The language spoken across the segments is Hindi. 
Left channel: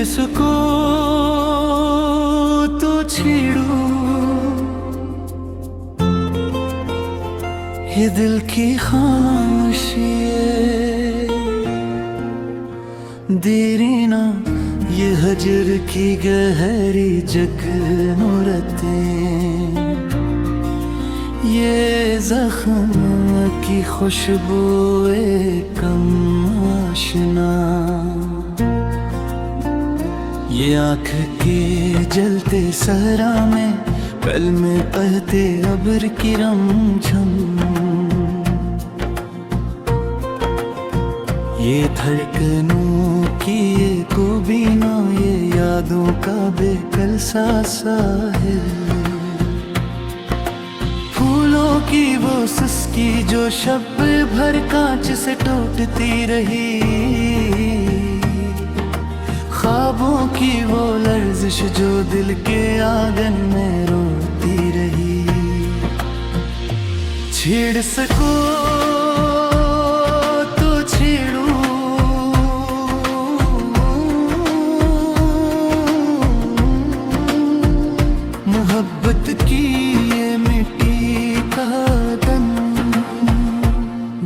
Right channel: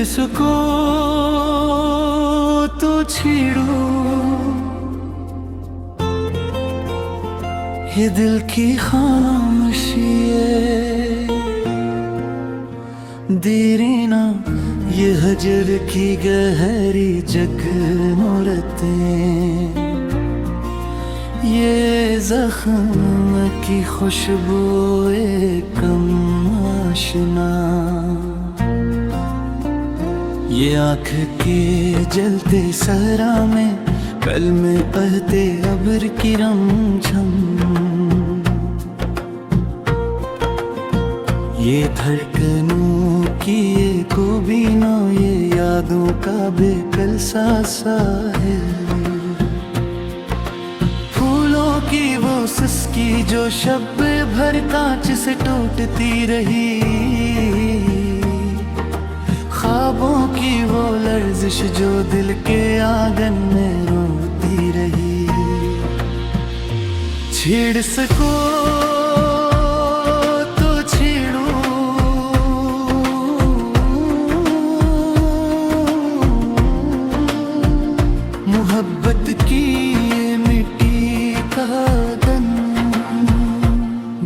छेड़ सको तो छेड़ो, ये दिल की खामोशी है। देरीना ये हजर की गहरी जगनूरतें, ये जख्म की खुशबुए कम आशना, ये आँख के जलते सहरा में कल में बहते अब्र की रमझम, ये धड़कनों की ये कोबीना, ये यादों का बेकल सा साहिल, फूलों की वो सिसकी जो शब भर कांच से टूटती रही, ख्वाबों की वो लर्जिश जो दिल के आंगन में रोती रही। छेड़ सको तो छेड़ो, मोहब्बत की ये मिट्टी का दन,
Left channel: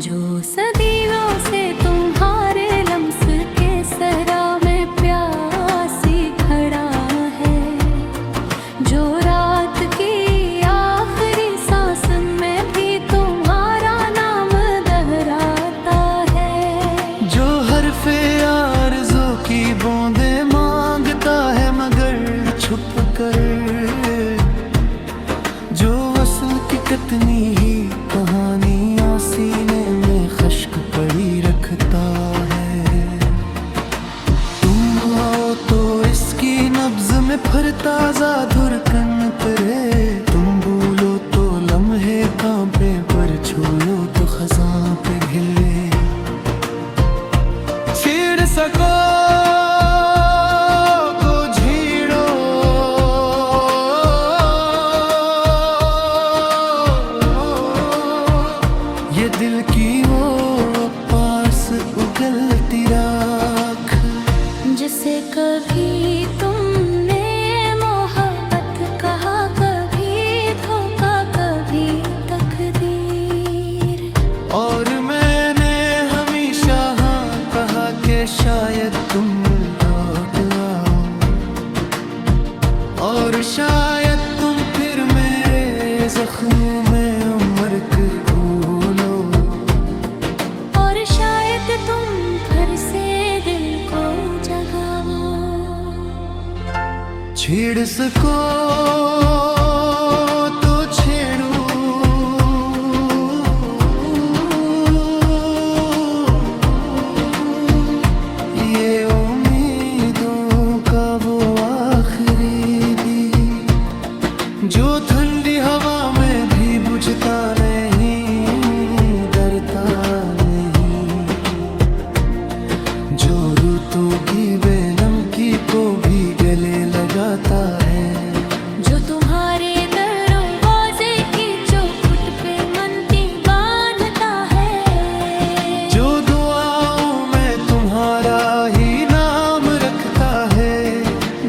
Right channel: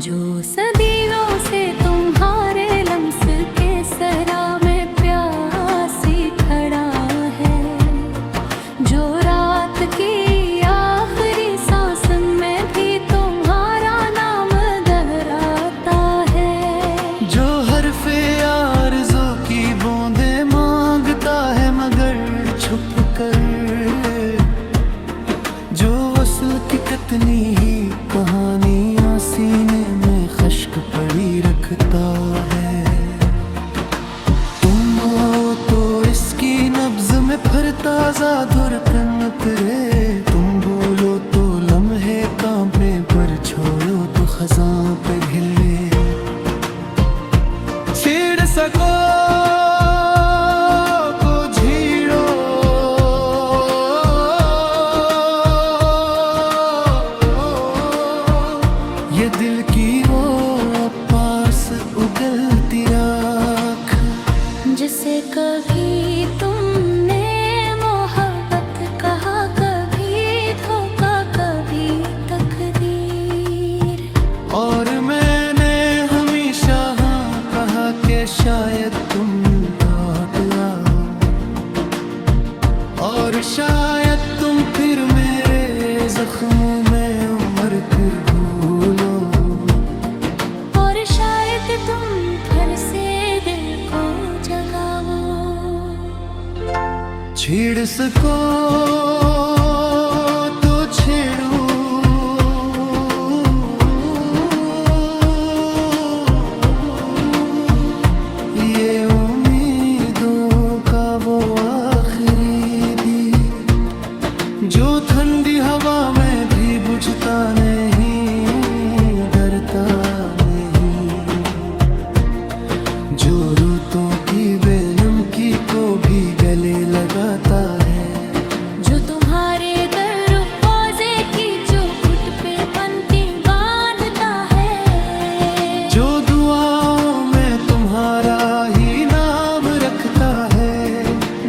जो सदियों से तुम्हारे लम्स के सरा में प्यासी खड़ा है, जो रात की आखिरी सांस में भी तुम्हारा नाम दोहराता है, जो हरफे आरज़ू की बूंदे मांगता है मगर छुप कर, जो वसल की कितनी ही कहानियां सीने में खश्क पड़ी रखता है। तुम आओ तो इसकी नब्ज में फिर ताजा धुरकन उतरे, तुम भूलो तो लम्हे कांपे पर छोड़ो तो खजां पे ढिले। छेड़ सको तो छेड़ो, ये दिल की वो पास उगलती राख, जिसे कभी तुमने मोहब्बत कहा, कभी धोखा कभी तकदीर, और मैंने हमेशा हाँ कहा कि शायद तुम लौट आओ, और शायद तुम फिर मेरे जख्मों में उम्र को भूलो, और शायद तुम फिर से दिल को जगाओ। छेड़ सको तो छेड़ो, ये उम्मीदों का वो आखिरी दी, जो ठंडी हवा में भी बुझता नहीं, डरता नहीं, जो रुतों की बेनमकी को भी गले लगाता है, जो तुम्हारे दरवाजे की चौखट पे मनती बांधता है, जो दुआओं में तुम्हारा ही नाम रखता है,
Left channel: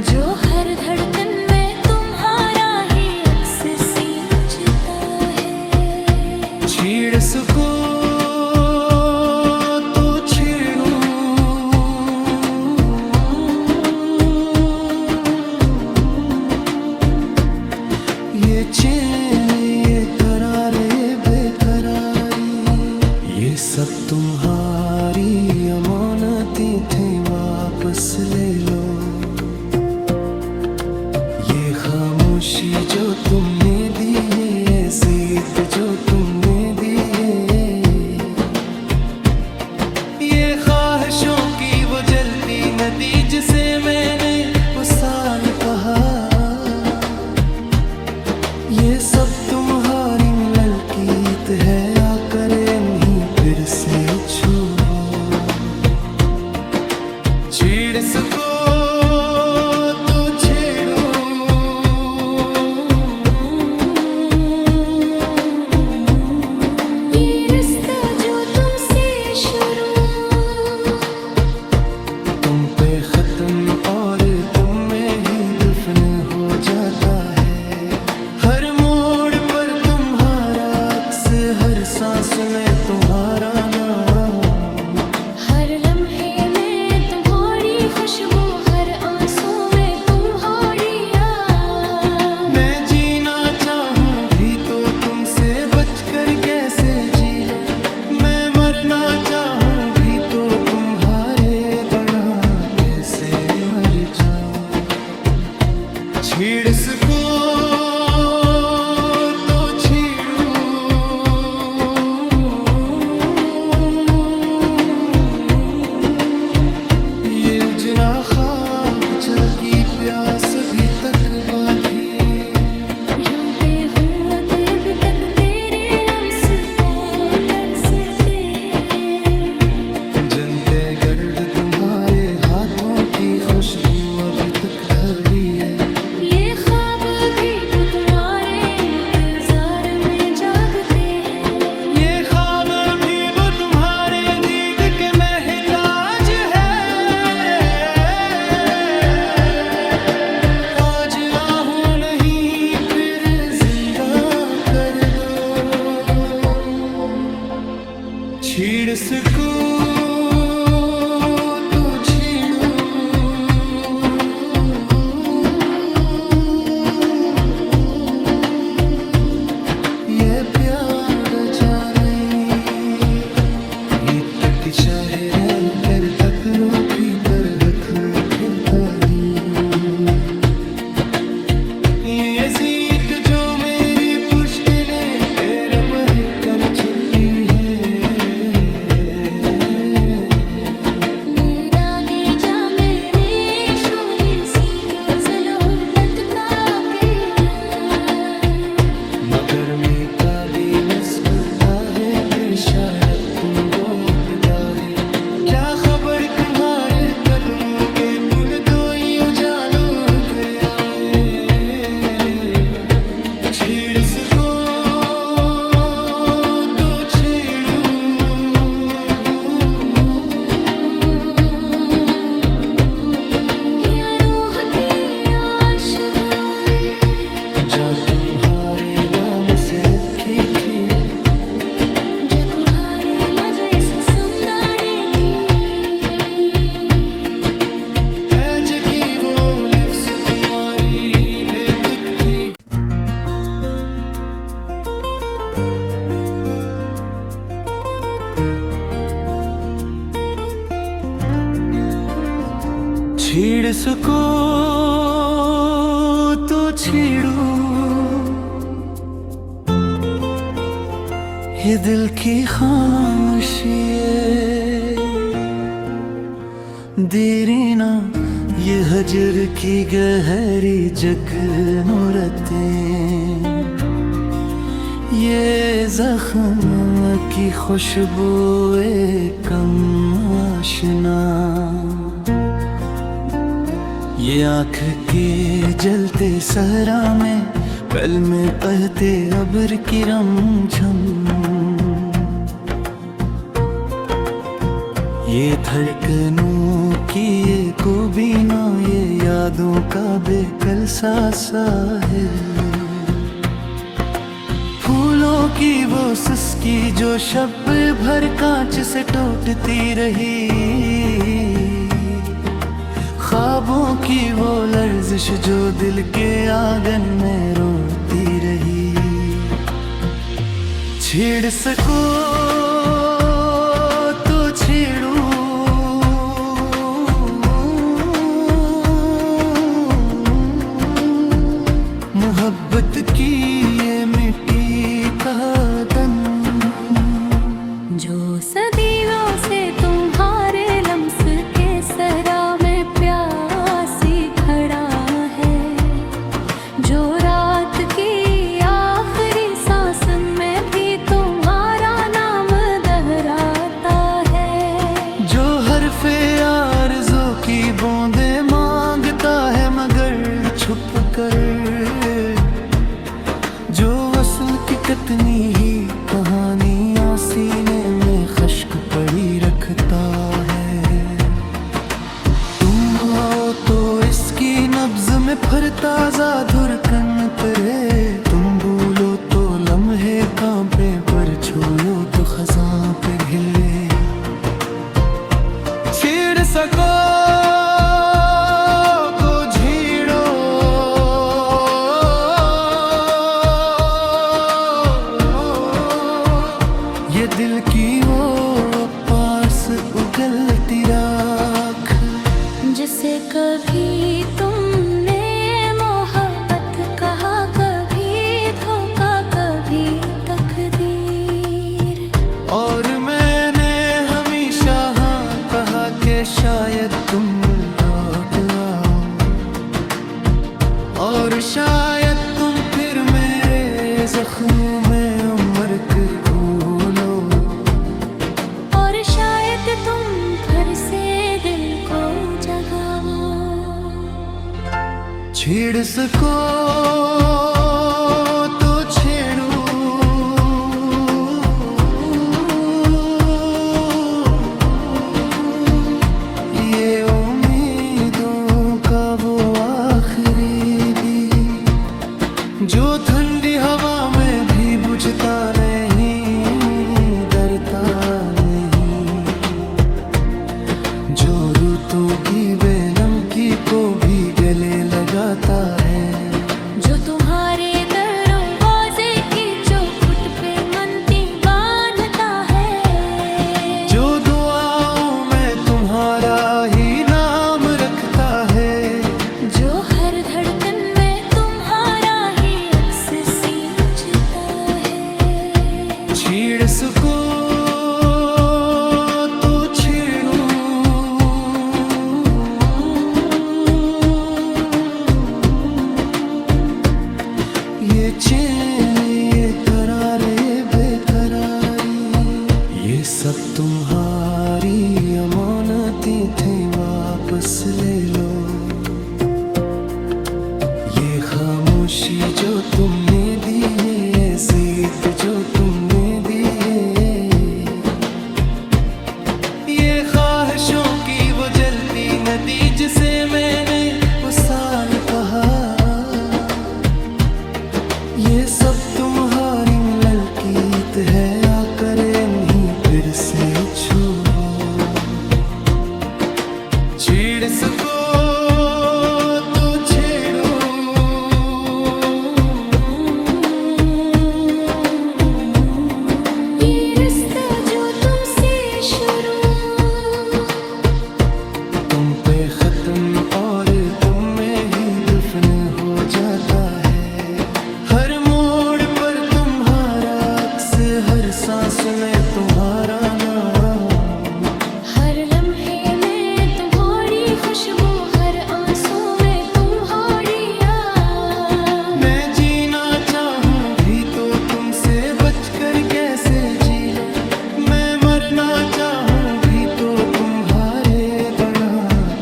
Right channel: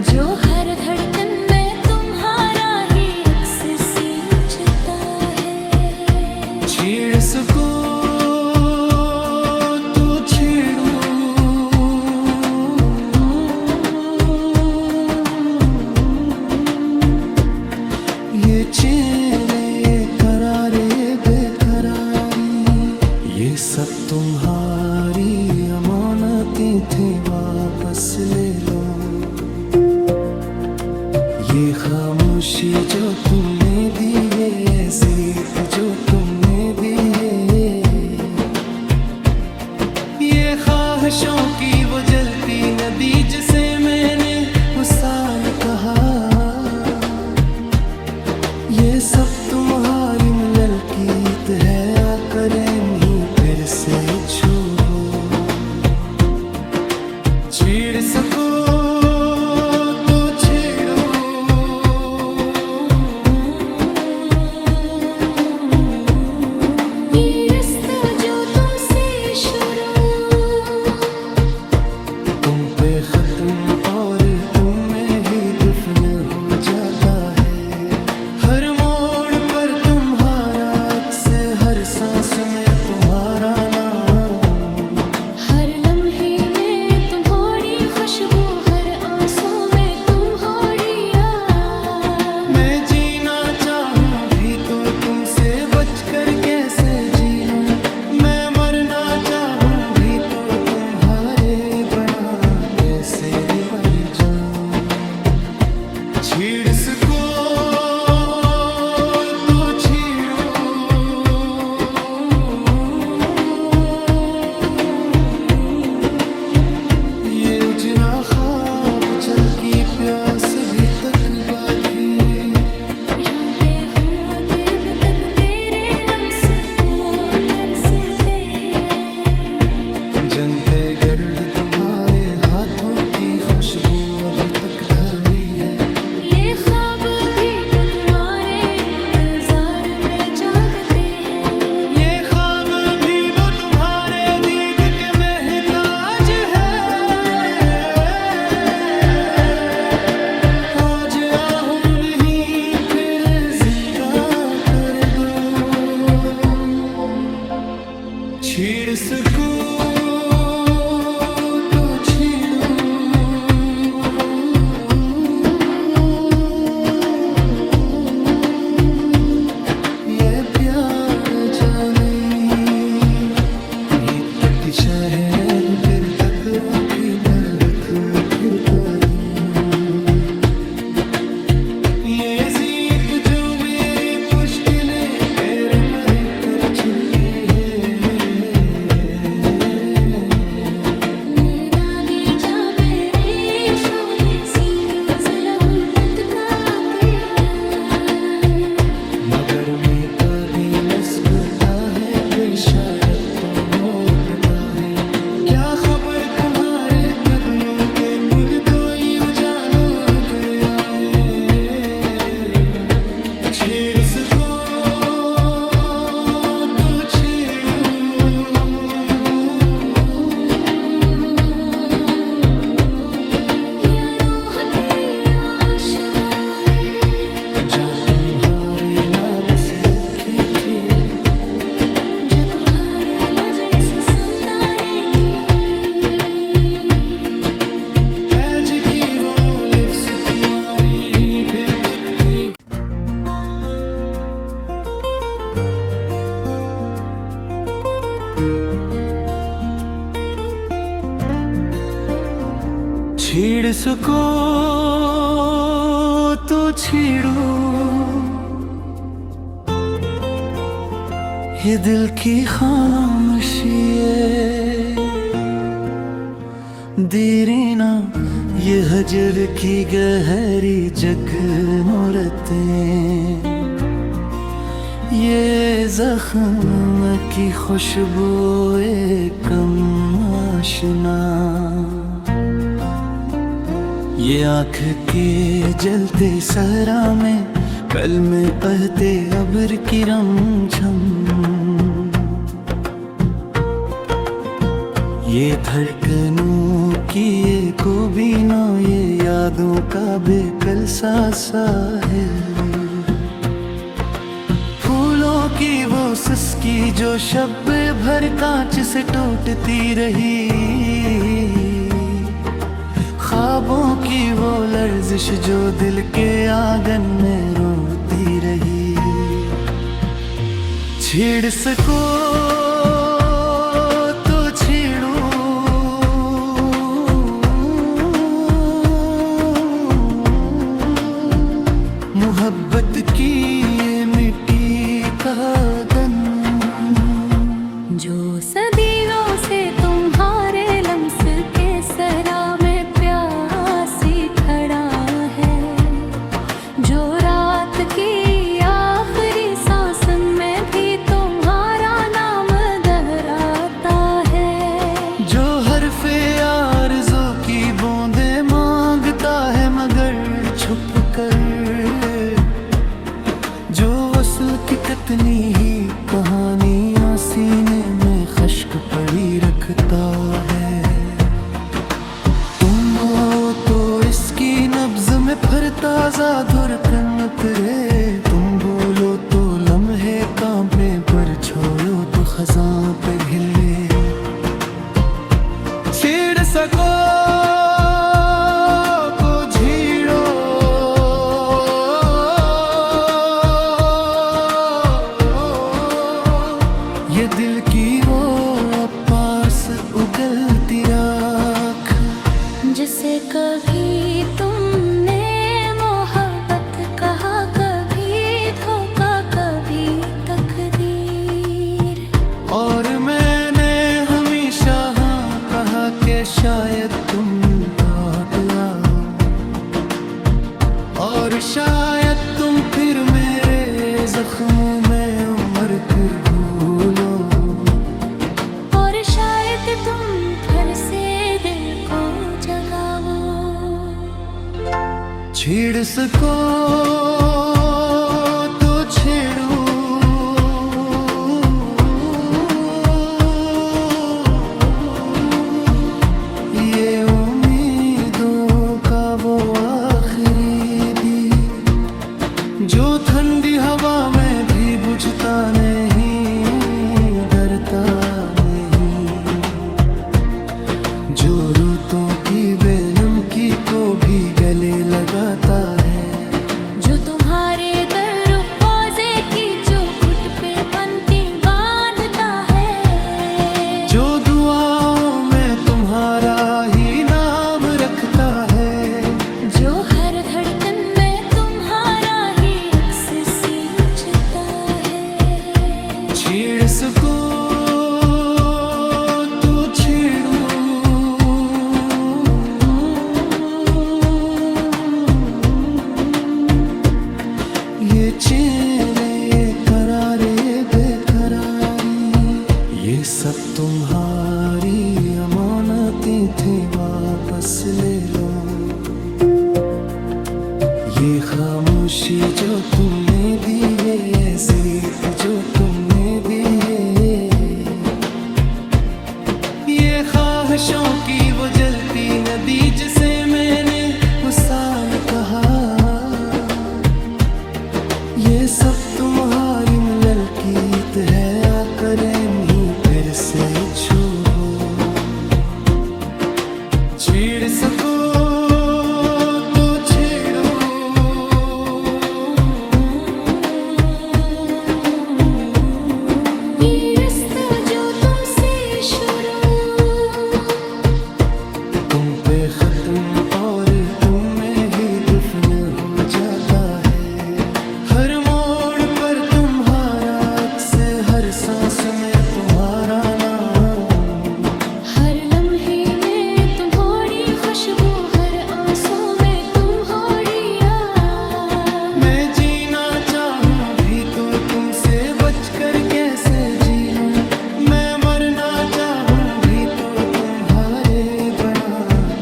जो हर धड़कन में तुम्हारा ही अक्स सींचता है। छेड़ सको तो छेड़ो, ये चैन ये करार ये बेकरारी, ये सब तुम्हारी अमानतें थे वापस ले लो, ये खामोशी जो तुमने दी, ये जिद जो तुमने दी, ये ख्वाहिशों की वो जलती नदी जिसे मैंने उस साल कहा, ये सब तुम्हारी मिलल कीत है, आकर नहीं फिर से छुओ। छेड़ सको तो छेड़ो, ये रास्ता जो तुमसे शुरू, तुम पे खत्म और हर मोड़ पर तुम्हारा अक्स, हर सांस में तुम्हारा नाम, हर लम्हे में तुम्हारी खुशबू, हर आंसू में तुम्हारी याद। मैं जीना चाहूँ भी तो तुमसे बचकर कैसे जी लूं, मैं मरना चाहूँ भी तो तुम्हारे बना कैसे मर जाऊं। छीड़ सको तो छीड़ूं, ये उजना ख्वाब जल की प्यास अभी तक बागी। जानते हूँ अभी तक तेरे लम्स को तरसते हैं। जनते गर्द तुम्हारे हाथों की खुशबू अभी तक थारी है। ये ख्वाब भी वो तुम्हारे इंतजार में जागते हैं। ये ख्वाब भी वो तुम्हारे दीद के महताज है। आज आहूं नहीं फिर जिंदा कर दो, छीड़ सकूं तो छीड़ूं, ये प्यार जाने ये तक शहर कर तकरो भीतर फिरता हूँ। ये जीत जो मेरी पुश्त ने तेरा मह कर छुपी है। मेरा गे जा मेरे शोभी सी दूसलहू तत्का गिरा, मगर में का दे मस्कुता है कि शायद तुम लौटता है। क्या खबर तुम्हारे कदमों के पुरतोई उजालों पे आए। छेड़ सको तो छेड़ूं, या रूह की आशगाएं जा तुम्हारे नाम से रखी थी, जा तुम्हारे लजे समदाने की। आज की वो लफ्ज़ तुम्हारी बेतक थी। छेड़ सको तो छेड़ूं, ये दिल की खामोशी देरी ना, ये हजर की गहरी जगनूरतें, ये जख्म की खुशबू कम आशना, ये आँख के जलते सहरा में कल में बहते अब्र की रमझम, ये धड़कनों की ये कोबीना, ये यादों का बेकल सा साहिल, फूलों की वो सिसकी जो शब भर कांच से टूटती रही, ख्वाबों की वो लर्जिश जो दिल के आंगन में रोती रही। छेड़ सको तो छेड़ूं, मोहब्बत की ये मिट्टी का तन, जो सदियों से तुम्हारे लम्स के सरा में प्यासी खड़ा है, जो रात की आखिरी सांस में भी तुम्हारा नाम दोहराता है, जो हरफे आरज़ू की बूंदे मांगता है मगर छुप कर, जो वसल की कतनी ही कहानियां सीने में खश्क पड़ी रखता है। तुम हो तो इसकी नब्ज़ में में फरता ज़ाधुर कन तेरे तुम भूलो तो लम्हे कांपे पर छोड़ो तो खजां पे हिले छेड़ सको को झीड़ो ये दिल की वो पास उगलती राख जिसे कभी तुमने मोहब्बत कहा, कभी धोखा, कभी तकदीर। और मैंने हमेशा हाँ कहा कि शायद तुम लौट आओ और शायद तुम फिर मेरे जख्मों में उम्र के भूलो और शायद तुम फिर से दिल को जगाओ। छेड़ सको तो छेड़ो ये उम्मीदों का वो आखिरी दीप जो ठंडी हवा में भी बुझता नहीं, डरता नहीं, जो रुतों की बेनमकी को भी गले लगाता है, जो तुम्हारे दरवाजे की चौखट पे मनती बांधता है, जो दुआओं में तुम्हारा ही नाम रखता है, जो हर धड़कन में तुम्हारा ही अक्स सींचता है। छेड़ सको तो छेड़ो ये चैन, ये करार, ये बेकरारी, ये सब तुम्हारी अमानतें थे, वापस ले लो। ये खामोशी जो तुमने दी, ये जिद जो तुमने दी, ये ख्वाहिशों की वो जलती नदी जिसे मैंने उस साल कहा, ये सब तुम्हारी मिलल कीत है, आकर नहीं फिर से छुओ। छेड़ सको तो छेड़ो ये रास्ता जो तुमसे शुरू तुम पे खत्म और तुम में ही दफन हो जाता है। हर मोड़ पर तुम्हारा अक्स, हर सांस में तुम्हारा नाम, हर लम्हे में तुम्हारी खुशबू, हर आंसू में तुम्हारी याद। मैं जीना चाहूँ भी तो तुमसे बचकर कैसे जी लूं, मैं मरना चाहूँ भी तो तुम्हारे बना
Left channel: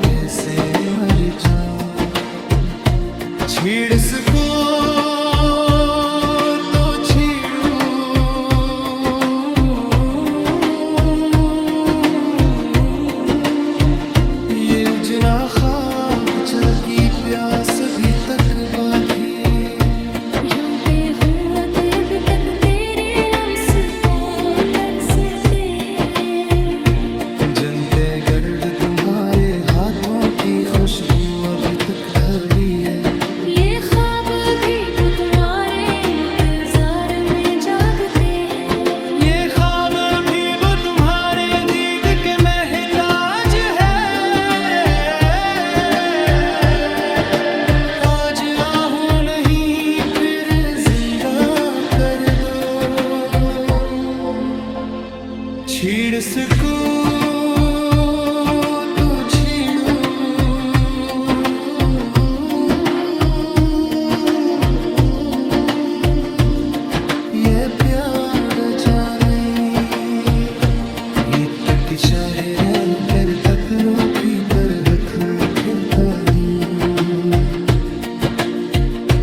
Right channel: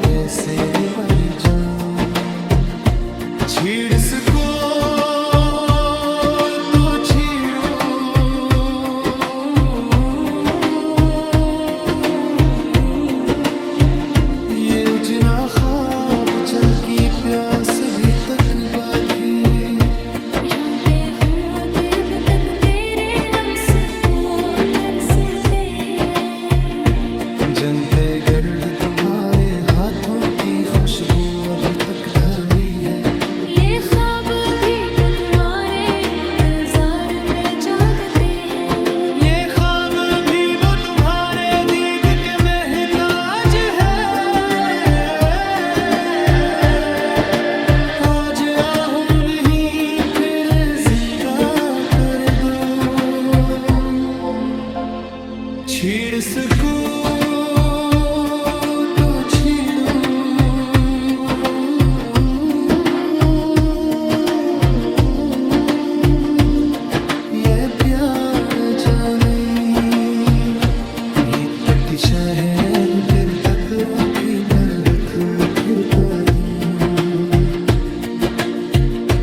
कैसे मर जाऊं। छेड़ सको तो छेड़ो ये उजना ख्वाब जल की प्यास अभी तक बागी, जानते हूँ अभी तक तेरे लम्स को तरसते हैं। जनते गर्द तुम्हारे हाथों की खुशबू अभी तक थारी है, ये ख्वाब भी वो तुम्हारे इंतजार में जागते हैं। ये ख्वाब भी वो तुम्हारे दीद के महताज है। आज आहूं नहीं फिर जिंदा कर दो। छेड़ सको तो छेड़ो ये प्यार जाने ये तक शायर कर तकरो भीतर रख फिर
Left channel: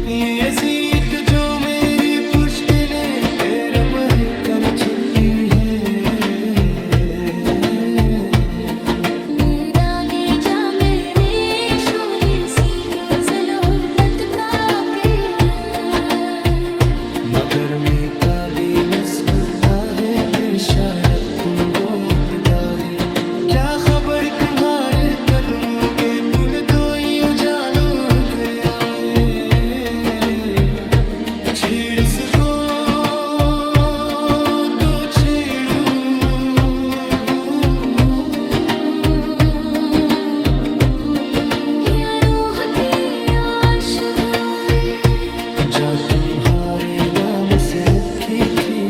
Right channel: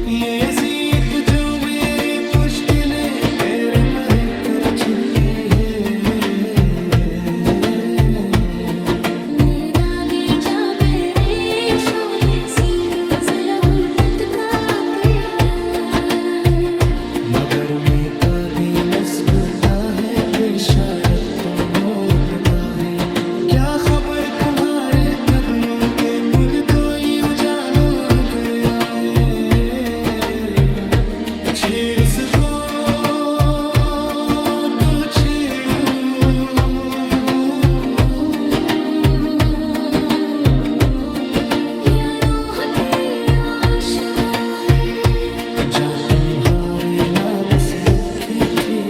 ये जीत जो मेरी पुश्त ने तेरे मह कर छुपी है। मेरा गे जा मेरे शोबी सी दूज लहू मगर में का दे मस्कता है कि शायद तुम लौटता है। क्या खबर तुम्हारे कदमों के पुरतोई उजालों फिर आए। छेड़ सको तो छेड़ू, या रूह की आशगाए जा तुम्हारे नाम से रखी थी।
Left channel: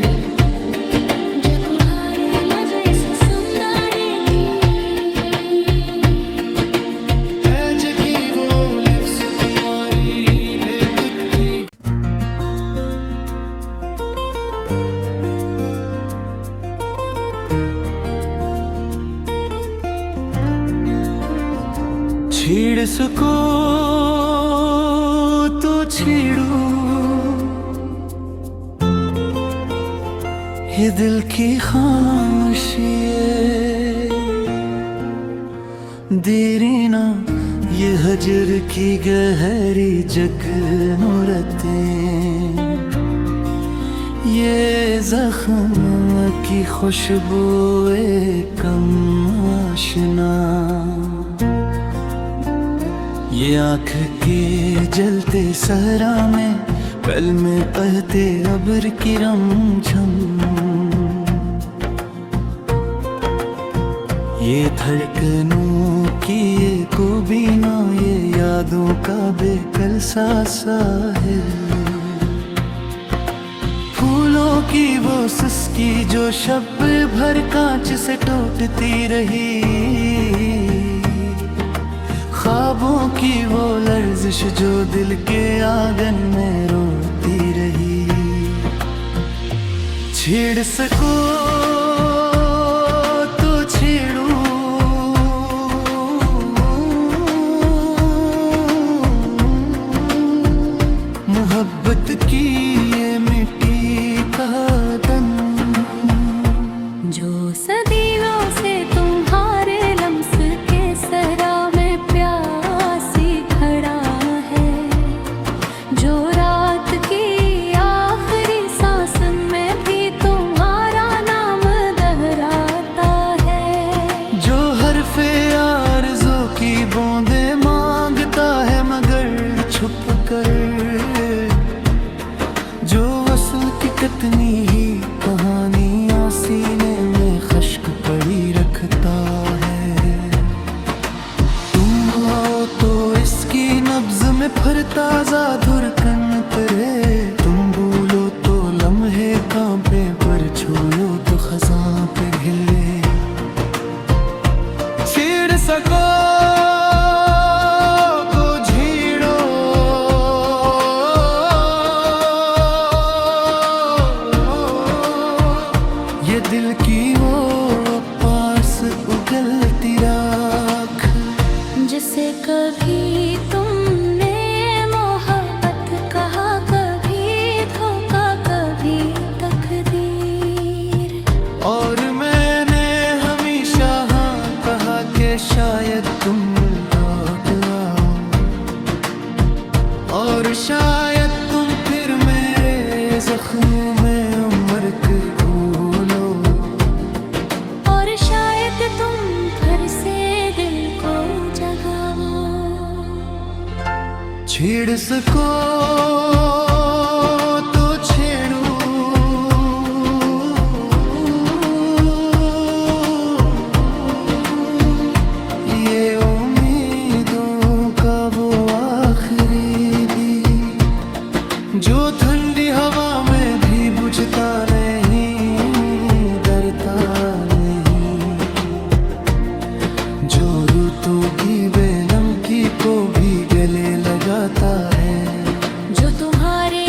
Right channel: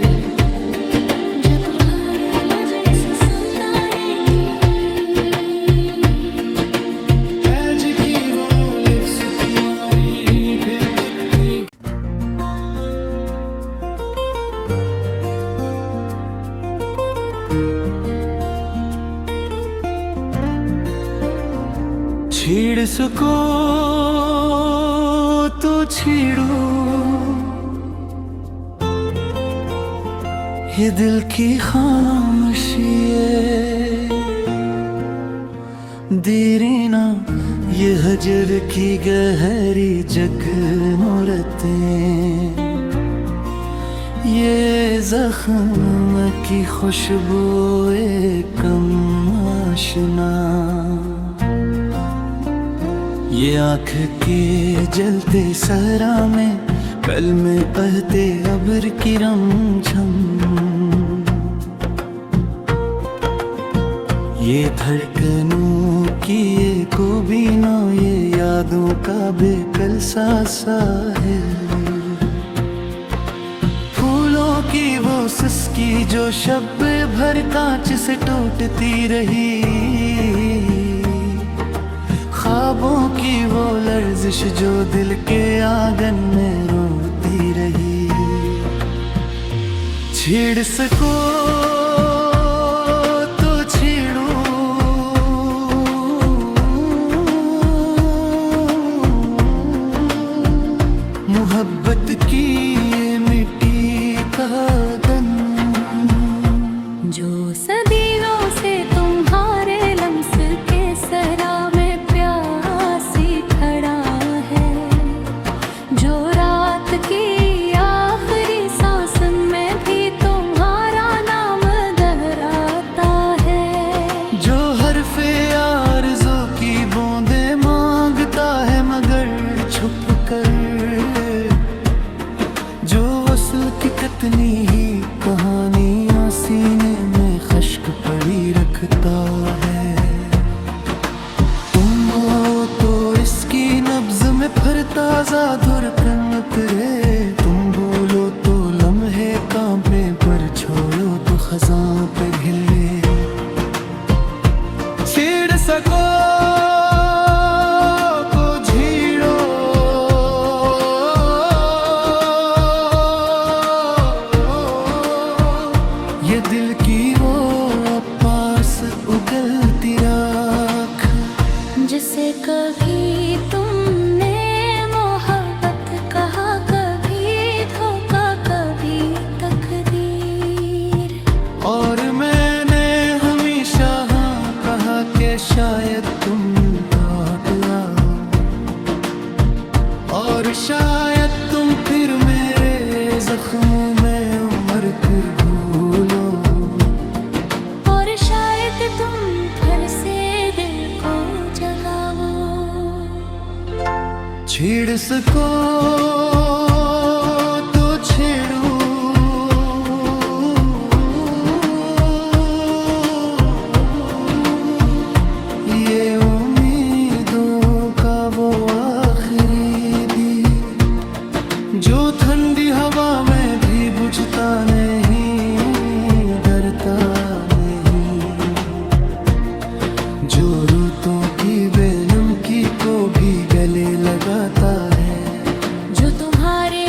जा तुम्हारे लजे संदारे की हैज की वो लफ्ज़ तुम्हारी बेतकती। छेड़ सको तो छेड़ू, ये दिल की खामोशी देरी ना, ये हजर की गहरी जगनूरतें, ये जख्म की खुशबुए कम आशना, ये आँख के जलते सहरा में कल में बहते अब्र की रमझम, ये धड़कनों की ये कोबीना, ये यादों का बेकल सा साहिल, फूलों की वो सिसकी जो शब भर कांच से टूटती रही, ख्वाबों की वो लर्जिश जो दिल के आंगन में रोती रही। छेड़ सको तो छेड़ू, मोहब्बत की ये मिट्टी का तन, जो सदियों से तुम्हारे लम्स के सरा में प्यासी खड़ा है, जो रात की आखिरी सांस में भी तुम्हारा नाम दोहराता है, जो हरफे आरज़ू की बूंदे मांगता है मगर छुप कर, जो वसल की कितनी ही कहानियां सीने में खश्क पड़ी रखता है। तुम हो तो इसकी नब्ज में फिर ताजा धड़कन उतरे, तुम भूलो तो लम्हे कांपे पर छोड़ो तो खजां पे हिले। छेड़ सको ये दिल की वो पास उगलती राख, जिसे कभी तुमने मोहब्बत कहा, कभी धोखा, कभी तकदीर, और मैंने हमेशा हाँ कहा कि शायद तुम लौट आओ, और शायद तुम फिर मेरे जख्मों में उम्र के घूलो, और शायद तुम फिर से दिल को जगाओ। छेड़ सको तो छेड़ू, ये उम्मीदों का वो आखिरी दीप, जो ठंडी हवा में भी बुझता नहीं, डरता नहीं, जो रुतों की बेनमकी को भी गले लगाता है, जो तुम्हारे